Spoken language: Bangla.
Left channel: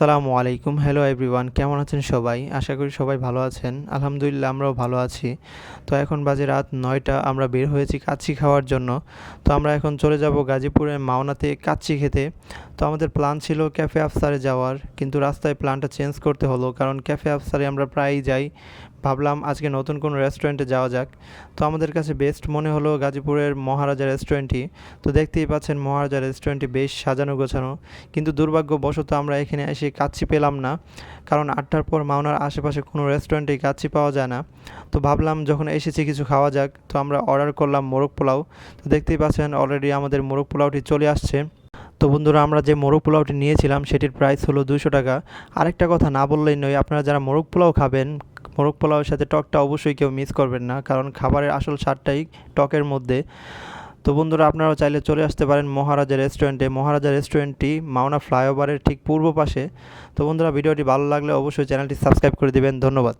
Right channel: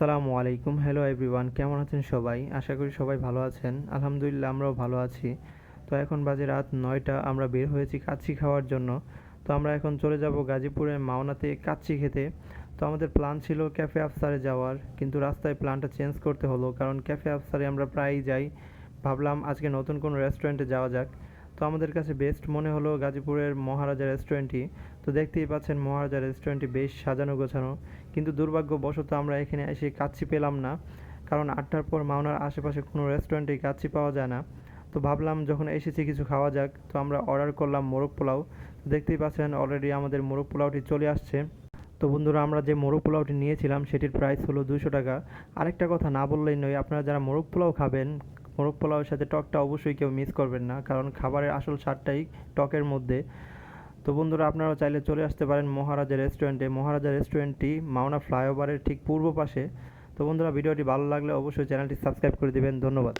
আসসালামু আলাইকুম। হ্যালো এভরিওয়ান কেমন আছেন সবাই? আশা করি সবাই ভালো আছেন। আলহামদুলিল্লাহ, আমরাও ভালো আছি। তো এখন বাজে রাত নয়টা, আমরা বের হয়েছি কাচ্ছি খাওয়ার জন্য। তো আমরা এখন চলে যাব গাজীপুরের মাওনাতে কাচ্ছি খেতে। তো আমাদের প্ল্যান ছিল ক্যাফে আফসারে যাওয়ার, কিন্তু রাস্তায় প্ল্যানটা চেঞ্জ করতে হলো, কারণ ক্যাফে আফসারে আমরা প্রায়ই যাই। ভাবলাম আজকে নতুন কোনো রেস্টুরেন্টে যাওয়া যাক। তো আমাদের কাছে বেস্ট মনে হলো গাজীপুরের মহারাজা রেস্টুরেন্টটি তো দেখতেই পাচ্ছেন মহারাজা রেস্টুরেন্টটি বেশ সাজানো গোছানো, কিন্তু দুর্ভাগ্যবশত আমরা এখানে এসে কাচ্ছি পেলাম না, কারণ আটটার পর মাওনার আশেপাশে কোনো রেস্টুরেন্টে কাচ্ছি পাওয়া যায় না। তো ভাবলাম যখন এসেছি কিছু খাওয়া যাক, তো আমরা অর্ডার করলাম মোরগ পোলাও। তো দেখতেই পাচ্ছেন অলরেডি আমাদের মোরগ পোলাওটি চলে আসছে। তো বন্ধুরা, আমরা যে মোরগ পোলাওটি নিয়েছিলাম, সেটির প্রাইস হলো দুশো টাকা। আরেকটা কথা না বললেই নয়, আপনারা যারা মোরগ পোলাও খাবেন, মোরগ পোলাওয়ের সাথে টকটা অবশ্যই কেউ মিস করবেন না, কারণ খাবারের আসল স্বাদটাই টকের মধ্যে। তো বন্ধুরা, আপনারাও চাইলে চলে আসতে পারেন মহারাজা রেস্টুরেন্টে মহারাজা রেস্টুরেন্টটি মাওনা ফ্লাইওভারের ঠিক পূর্ব পাশে। তো বন্ধুরা, ভিডিওটি ভালো লাগলে অবশ্যই চ্যানেলটি সাবস্ক্রাইব করে দেবেন। ধন্যবাদ।